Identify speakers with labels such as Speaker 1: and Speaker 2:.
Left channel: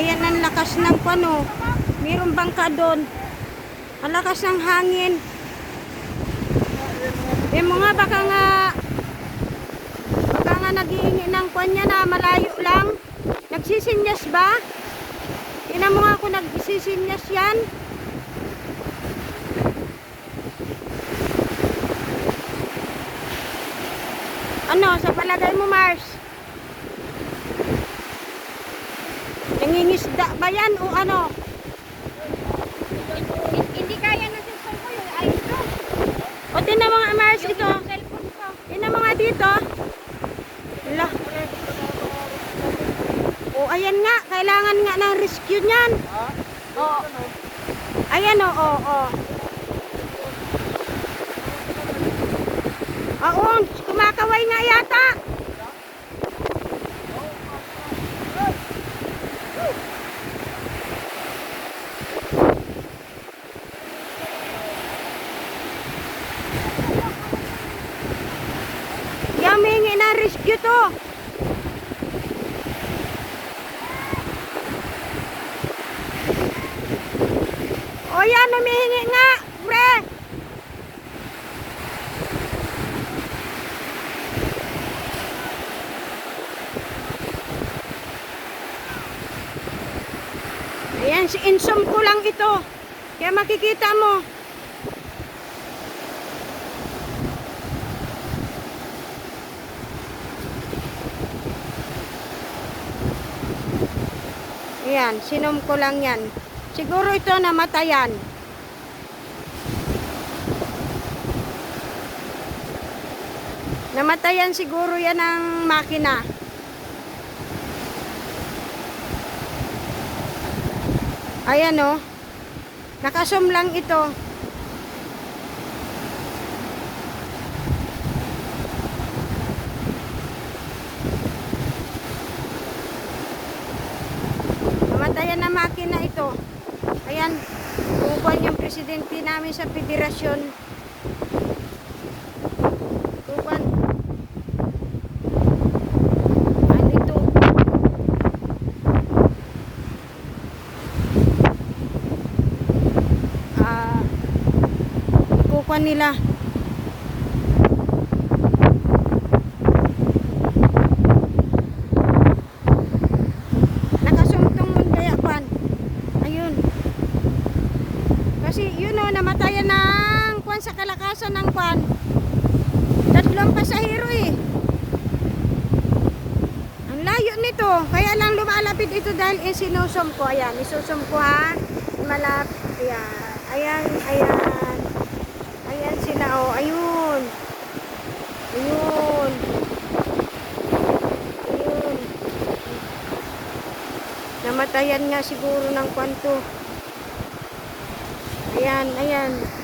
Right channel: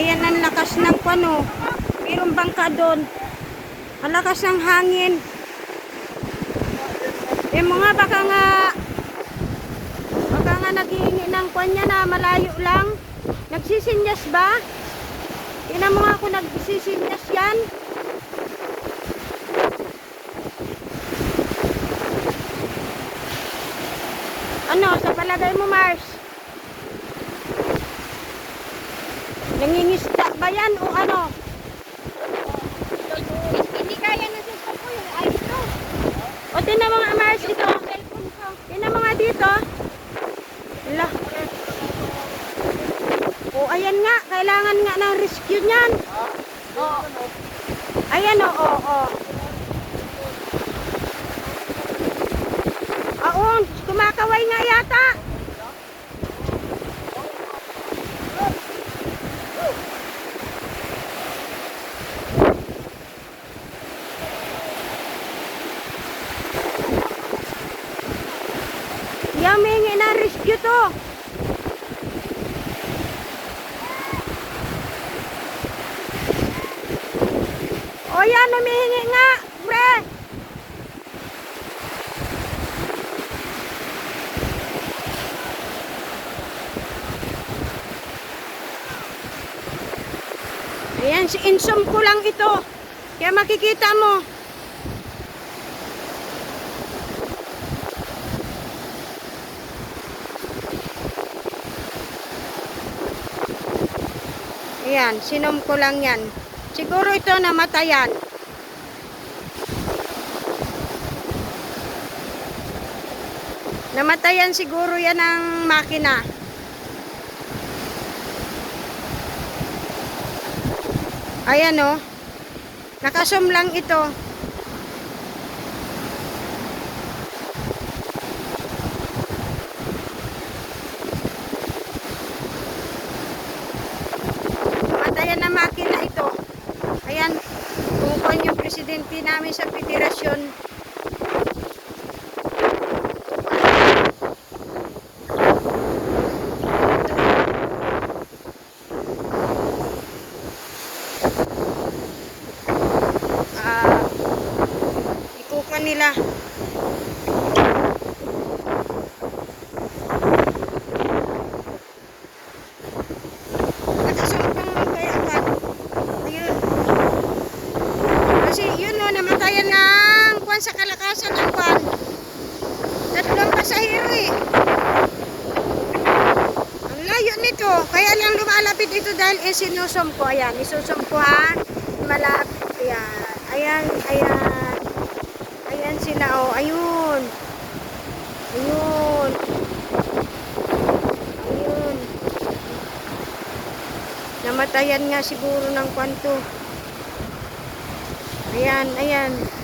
Speaker 1: Ayan ang lakas ng pano. Mayroong bangka doon. Ang lakas ng hangin. Eh mga baka nga baka nga naghihingi ng kanya na malayo lang. Nagsisinyas ba? Tingnan mo kung nagsisinyas yan. Ano, sa palagay mo, Mars? Nangingisda ba yan o ano?
Speaker 2: Hindi kaya na si Soko yun. Ay, ito.
Speaker 1: O tinan mo nga, Mars, ito. Tinan mo nga dito. Ala. O, ayan nga. Kailangan nga ng rescue niyan. O. Ayan o, o, o. Yamingi na rescue to. O yan, humihingi nga, pre. Ayan, si insom ko lang ito. Kaya makikita mo. Ayan, sinom ko lang yan. Siguro ito namatayan. Namatayan siguro yan ng makina. Ayan o. Nakasum lang ito. Na makina ito. Ayan, kung yung presidente namin sa federasyon. Ah, kukuha nila. Nakasumpong kaya kwan. Ayun. Kasi yun o, namatayan ng kwan sa kalakasan ng kwan. Tatlong pasahero eh. Ang layo nito. Kaya lang lumalapit ito dahil eh, sinusum ko. Ayan, isusum ko ha. Malapit. Ayan. Ayan, ayan. Ayan sila oh. Ayun. Ayun. Ayun. Namatayan nga siguro ng kwanto. Ayan, ayan.